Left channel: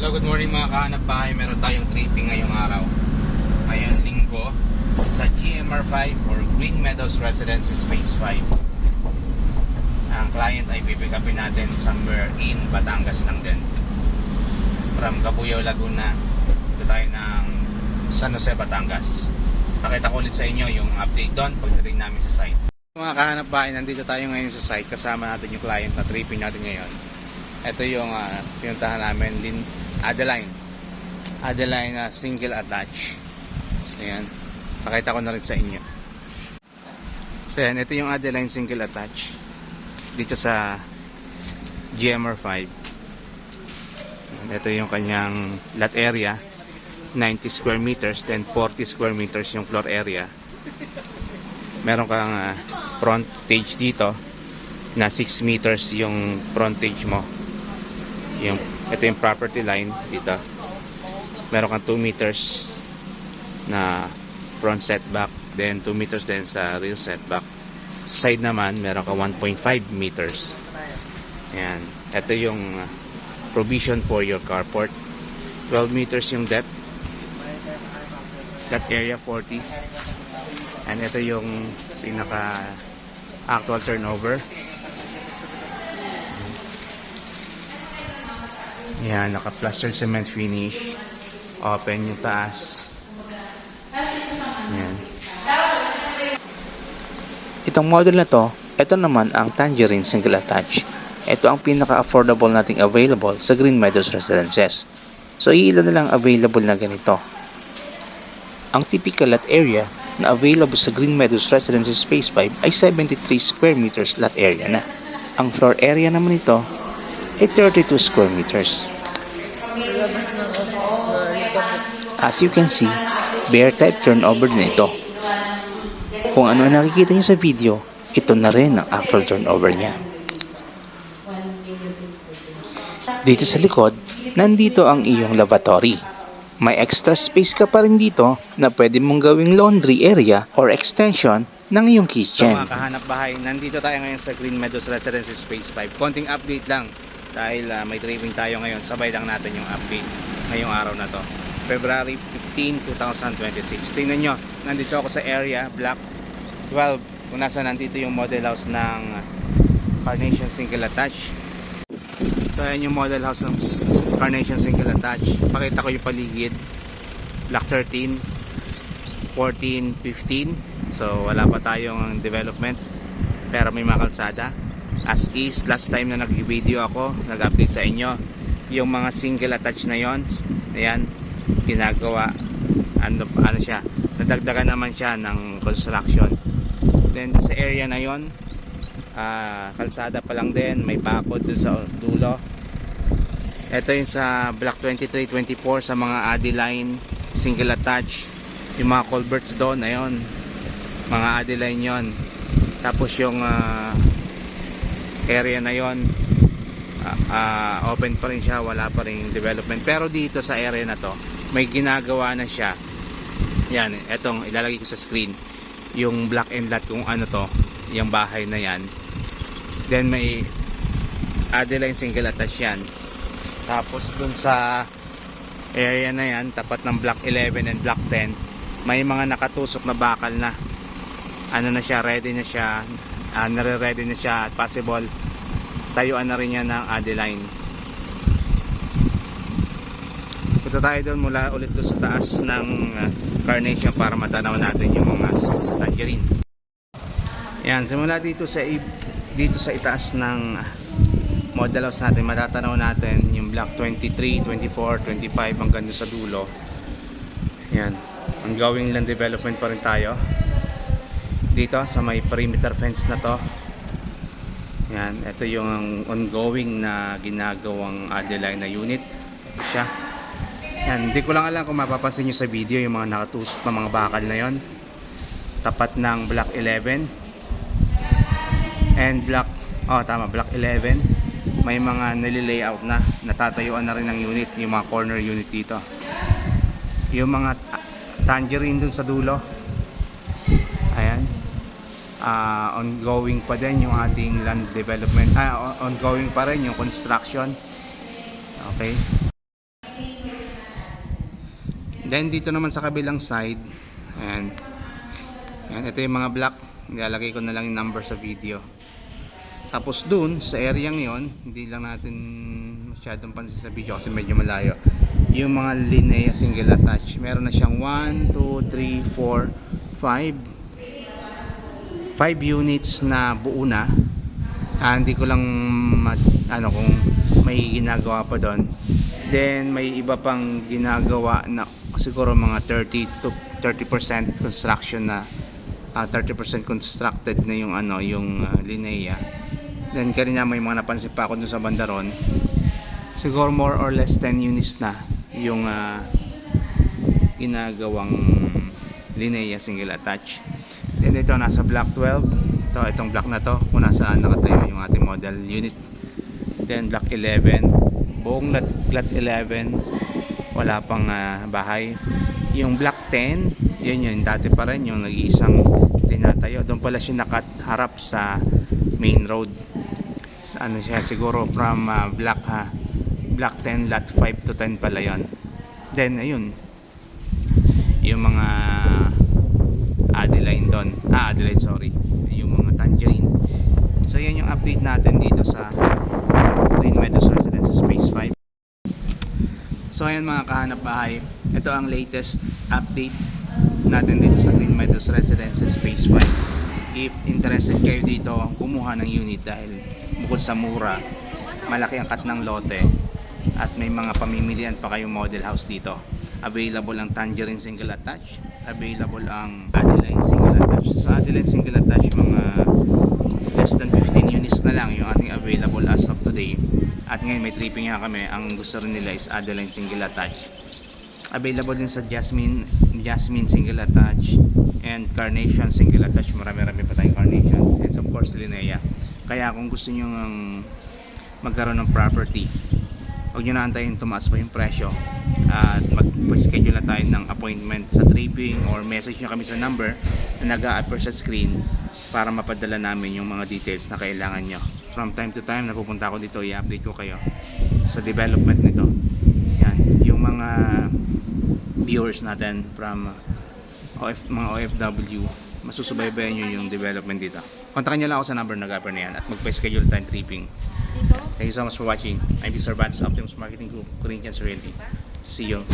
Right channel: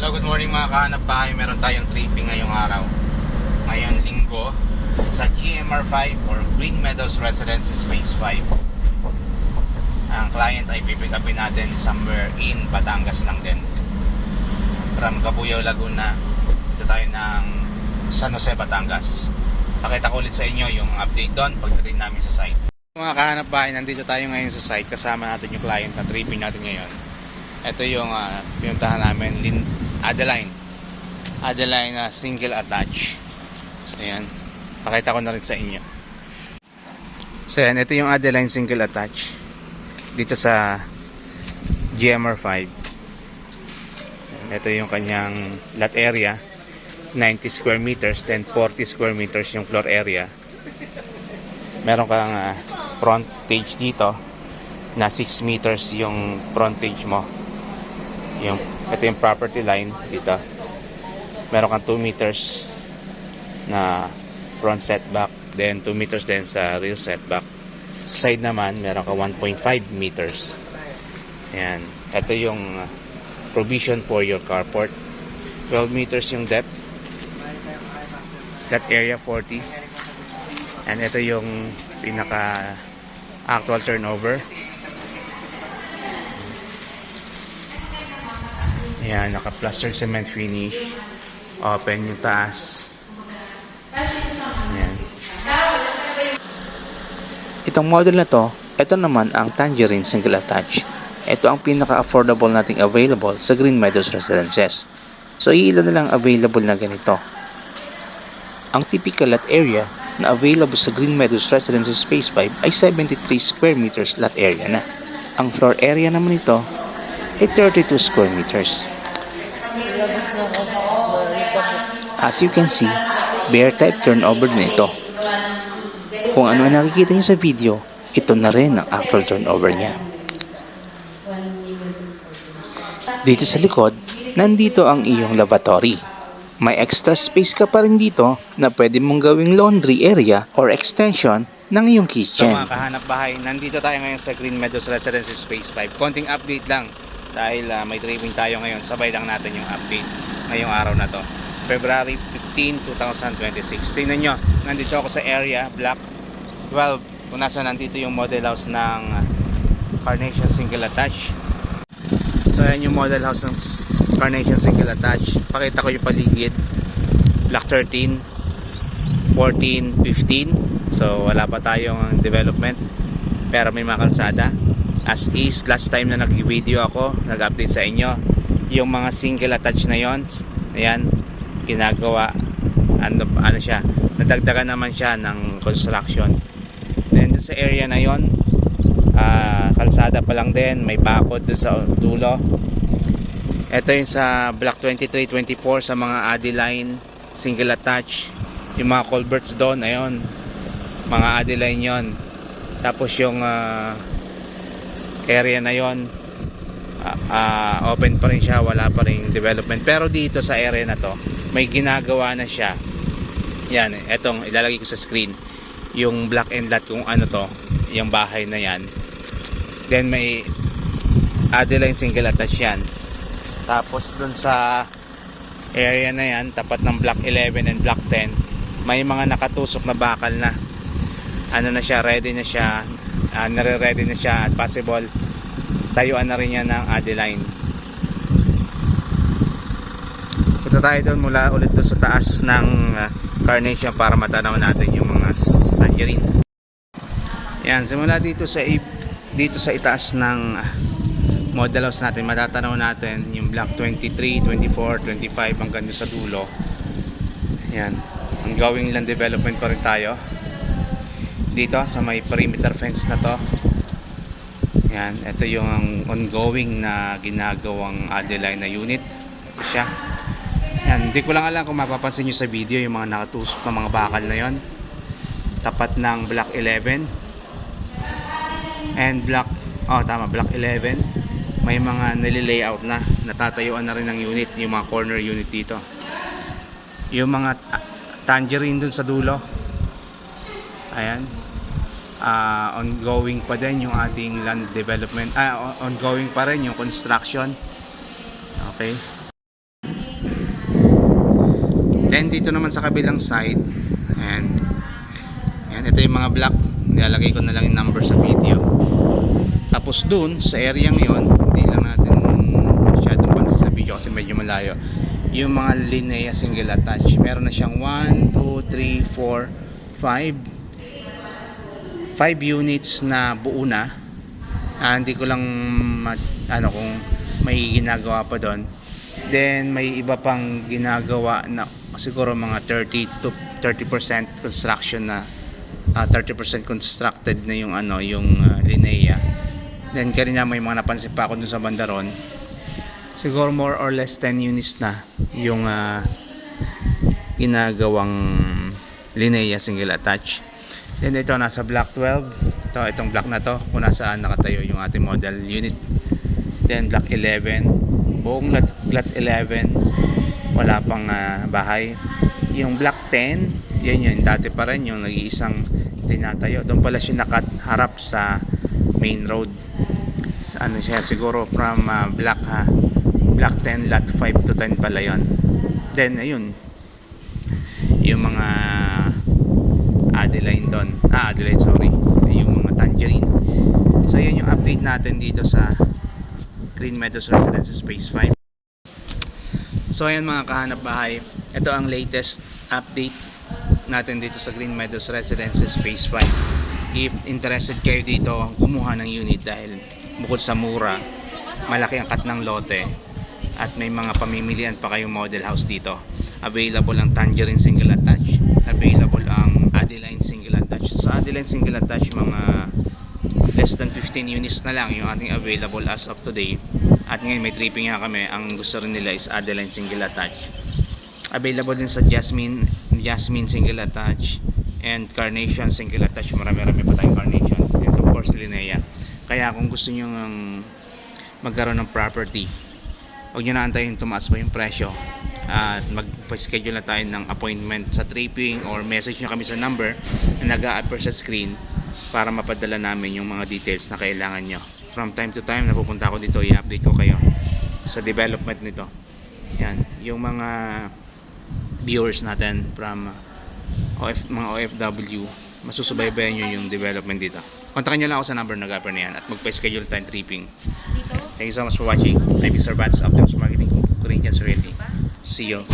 Hello, good morning mga kahanap bahay. Meron tayong tripping ngayong araw. Ngayon linggo sa GMR5 or Green Meadows Residences Phase 5. Ang client ay pipick upin natin somewhere in Batangas lang din. From Cabuyao, Laguna, ito tayo ng San Jose, Batangas. Pakita ko ulit sa inyo yung update doon pagdating namin sa site. Mga kahanap bahay, nandito tayo ngayon sa site. Kasama natin yung client na tripping natin ngayon. Ito yung pinuntahan namin, Adeline single attach. So yan, pakita ko na rin sa inyo. So yan, ito yung Adeline single attach dito sa GMR5. Ito yung kanyang lot area, 90 square meters, then 40 square meters yung floor area. Meron kang frontage dito na 6 meters yung frontage mo. Ito yung property line dito. Meron kang 2 meters na front setback, then 2 meters din sa rear setback. Sa side naman meron ka 1.5 meters. Ayan, ito yung provision for your carport. 12 meters yung depth, that area 40. And ito yung pinaka actual turnover. Ayan, naka-plastered cement finish. Open yung taas. Ayan. Itong model na to, ito naman ang Tangerine single attach. Ito ang pinaka-affordable nating available sa Green Meadows Residences. So, ilan na lang available na ganito. Ang typical lot area na available sa Green Meadows Residences Phase 5 ay 73 square meters lot area na. Ang floor area naman ito ay 32 square meters. As you can see, bare type turnover din ito. Kung ano ang nakikita nyo sa video, ito na rin ang actual turnover niya. Dito sa likod, nandito ang iyong lavatory. May extra space ka pa rin dito na pwede mong gawing laundry area or extension ng iyong kitchen. So mga kahanap bahay, nandito tayo ngayon sa Green Meadows Residences Phase 5. Konting update lang dahil may tripping tayo ngayon. Sabay lang natin yung update ngayong araw na to. February 15, 2026. Tingnan nyo, nandito ako sa area, block 12. Kung nasa nandito yung model house ng Carnation single attach. So ayan yung model house ng Carnation single attach. Pakita ko yung paligid. Block 13, 14, 15. So wala pa tayong development, pero may mga kalsada. As is, last time na nag-video ako, nag-update sa inyo, yung mga single attach na yon, ayan, ginagawa, ano siya, nadagdagan naman siya ng construction. Then sa area na yon, kalsada pa lang din, may bakod dun sa dulo. Ito yung sa block 23, 24 sa mga Adeline single attach, yung mga culverts doon, ayun, mga Adeline yon. Tapos yung area na yon, open pa rin siya, wala pa rin development. Pero dito sa area na to, may ginagawa na siya. Yan, etong ilalagay ko sa screen, yung block and lot kung ano to, yung bahay na yan. Then may Adeline single attach yan. Tapos dun sa area na yan, tapat ng block 11 and block 10, may mga nakatusok na bakal na. Ano na siya, ready na siya, nare-ready na siya at possible tayuan na rin yan ng Adeline. Punta tayo doon mula ulit doon sa taas ng Carnation para matanaw natin yung mga Tangerine. Yan, simula dito sa itaas ng model house natin, matatanaw natin yung block 23, 24, 25 hanggang doon sa dulo. Yan, ongoing land development pa rin tayo dito sa may perimeter fence na to. Yan, ito yung ongoing na ginagawang Adeline na unit. Ito siya. Yan, hindi ko lang alam kung mapapansin nyo sa video yung mga nakatusok na mga bakal na yon, tapat ng block 11 and block, block 11. May mga nililayout na, natatayuan na rin ng unit, yung mga corner unit dito. Yung mga Tangerine dun sa dulo, ayan, ongoing pa din yung ating land development, ongoing pa rin yung construction. Okay, Then dito naman sa kabilang side, and yan, ito yung mga block. Nilalagay ko na lang yung number sa video. Tapos dun sa area ngayon, hindi lang natin masyadong pansin sa video kasi medyo malayo, yung mga Linea single attach. Meron na siyang 1, 2, 3, 4, 5 units na buo na. Hindi ko lang kung may ginagawa pa doon. Then may iba pang ginagawa na siguro mga 30% construction na 30% constructed na yung Linea. Then kanina may mga napansin pa ako dun sa bandaron. Siguro more or less 10 units na yung ginagawang Linea single attach. Then ito nasa block 12. Itong block na to kung nasaan nakatayo yung ating model unit. Then block 11, buong lot 11 wala pang bahay. Yung block 10, yan yun, dati pa rin yung nag-iisang tinatayo. Doon pala siya nakaharap sa main road. Sa siya, siguro from block 10, lot 5 to 10 pala yun. Then ayun, yung mga Adeline doon. Adeline, sorry. Yung mga Tangerine. So yan yung update natin dito sa Green Meadows Residences Phase 5. So ayan mga kahanap bahay, ito ang latest update natin dito sa Green Meadows Residences Phase 5. If interested kayo dito kumuha ng unit, dahil bukod sa mura, malaki ang cut ng lote at may mga pamimilian pa kayong model house dito. Available ang Tangerine single attach, available ang Adeline single attach. Sa Adeline single attach, mga less than 15 units na lang yung ating available as of today. At ngayon may tripping nga kami, ang gusto rin nila is Adeline single attach. Available din sa Jasmine single attach and Carnation single attach. Marami-rami pa tayong Carnation, and of course Linea. Kaya kung gusto nyo magkaroon ng property, huwag nyo na antayin tumaas pa yung presyo at mag-schedule na tayo ng appointment sa tripping, or message nyo kami sa number na nag-a-appear sa screen para mapadala namin yung mga details na kailangan nyo. From time to time napupunta ako dito, i-update ko kayo sa development nito. Yan, yung mga viewers natin from mga OFW, masusubaybayan nyo yung development dito. Kontakin nyo lang ako sa number na nag-a-appear na yan at mag-schedule tayo tripping. Thank you so much for watching. I'm Mr. Bats, Optimus Marketing Group, Corinthians Realty. See you.